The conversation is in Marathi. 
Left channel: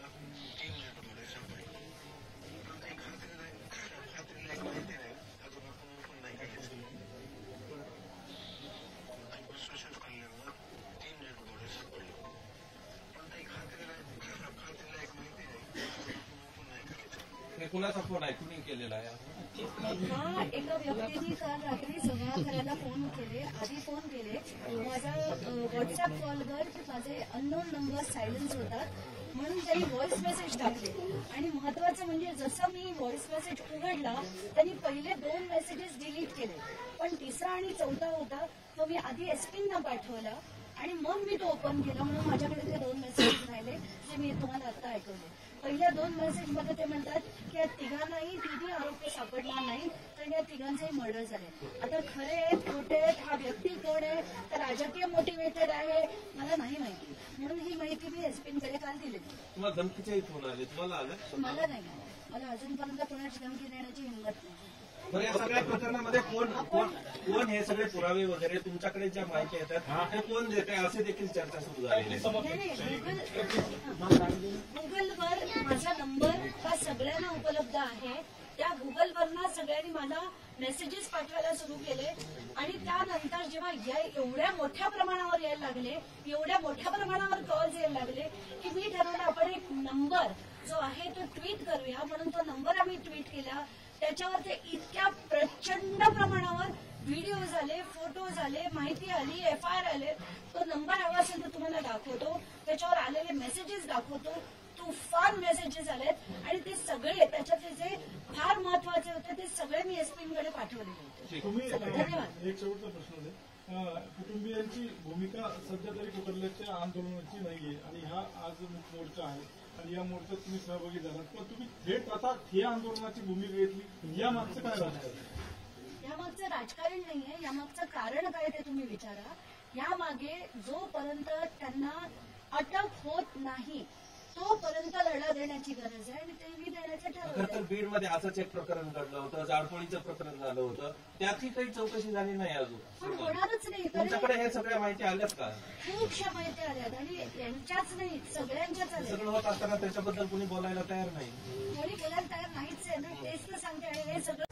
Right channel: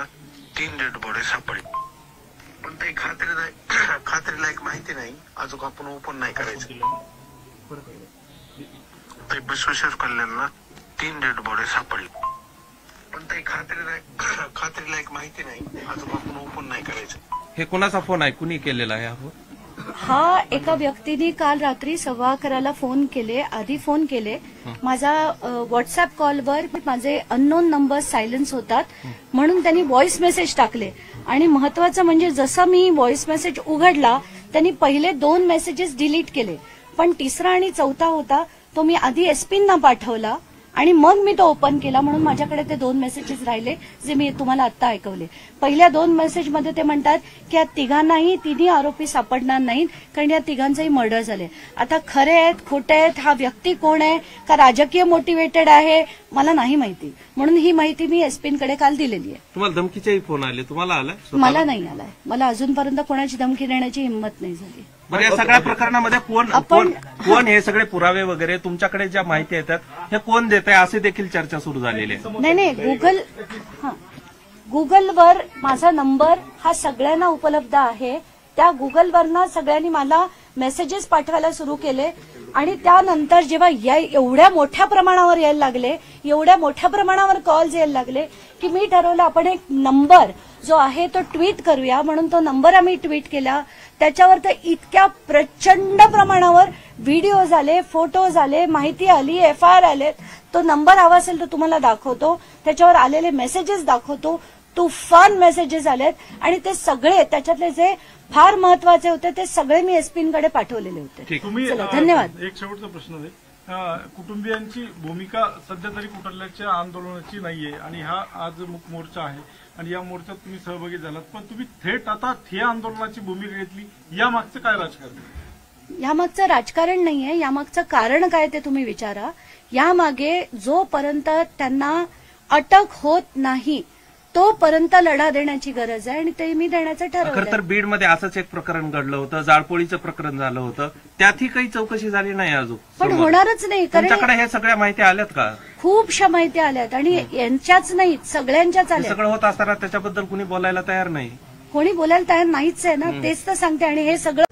काढलेल्यांना 3 डेड बॉडी सापडली, पण ते खात्रीलायक माहिती नाही. अजून आपण ओपन नाही करायचं. ते विश्वेश्वर कल्याणला 3 डेड बॉडी सापडली, पण ते खात्रीलायक माहिती नाही. अजून आपण ओपन नाही करायचं. हे कोणाचा फोन आहे, कुणी केलेला आहे? हा एका व्यक्तीने काल रात्री 11:15 फोन केले. आधी फोन केले. माझा व्हॉट्सअप कॉलवर माझे अननोन नंबर सायलेन्स होतात म्हणून त्यांनी व्हॉइस मेसेज टाकले. आणि महत्वाचं म्हणजे जसं मी व्हॉइस मेसेज उघडला त्यांनी पहिले 2 मेसेजेस डिलीट केले, पण तिसरा आणि चौथा होता तो मी आधी एसपींना पाठवला आणि मग मी तो ओपन केला. म्हणून माझ्याकडे ते 2 मेसेजेस राहिले जे मी तुम्हाला आता ऐकवले. पहिल्या 2 मेसेजमध्ये ते म्हणतात की या तिघांनाही 3 आरोपी सापडणार नाहीत कारण या तिघांचंही मर्डर झाले. आता खरे आहेत खोटे आहेत, हा व्यक्ती कोण आहे का राजकीय मोटिवेटेड आहे मला नाही माहिती. म्हणून ही माहिती मी एसपींकडे काल दिलेली आहे. तुम्हाला धमकीचाही फोन आले? तुम्हाला आला? मला नाही आलाय. मला अजूनपर्यंत कोणाची धमकी देण्याची हिंमत नाही झाली. बरं, या सगळ्या प्रकरणामध्ये कोण हे सगळे पुरावे वगैरे तुमच्याकडे ज्या माहिती येतात हे कोण देत आहे असे देखील चर्चा सुरू झालेली आहे? नाही, गुगलवर माझा नंबर हा सगळ्यांना उपलब्ध आहे. त्या गुगलवरनं सगळ्यांनी मला मेसेजेस पाठवायला सुरू केले आणि त्यानंतर जेव्हा एवढ्या मोठ्या प्रमाणावर यायला लागले, एवढ्या मोठ्या प्रमाणावर कॉल्स यायला लागले की मी ठरवलं आपण एक नंबर जो आहे तो ट्विट करूया. म्हणून तो नंबर आम्ही ट्विट केला. त्याच्यावर तर इतक्या प्रचंड प्रमाणावर व्हिडिओज आले, फोटोज आले, माहिती आली, FIR आले. तो नंबर हवा असेल तर तुम्हाला दाखवतो. त्याच्यावर आलेले मेसेजेस दाखवतो. तुफान मेसेजेस आलेत आणि ते सगळे त्याच्यातले जे फार महत्वाचे होते ते सगळे मी एसपींकडे पाठवलेले होते. धन्यवाद. एक शेवटचा प्रश्न आहे. कुटुंबियांची भूमिका सध्या तरी कुठल्याच्या आंदोलनाची नाहीये आणि हा आज मुक मोर्चा आहे आणि या मोर्चात तुम्ही सहभागी झालात, पण तुम्ही थेट आता ठिय्या आंदोलनाची भूमिका घेतली. यामागचं काय राजकारण आहे? यामागचं राजकारण नाहीये. यामागचं कारण काय ते तुम्ही विचारा. यामागे जोपर्यंत त्यांना अटक होत नाही तोपर्यंत लढा देण्याची गरज आहे आणि ते मी देण्याचं ठरवलं. खरं तर बीडमध्ये असंच एक प्रकरण घडलं होतं, जाळपोळीचं प्रकरण झालं होतं, त्यातही काही चौकशी झाली नाही अजून. पण होणारच नाही. तुमच्याकडे हे सगळ्या माहिती आल्यात का? खूपशा माहिती आल्यात आणि यांच्याच नाही सगळ्यांच्याच आल्या. सगळं होत असताना त्याच्याबद्दल कुणी बोलायला तयार नाही. कोणी बोलायला तयार नाहीच आहे ना, तेच तर सांगते. आणि हे सगळं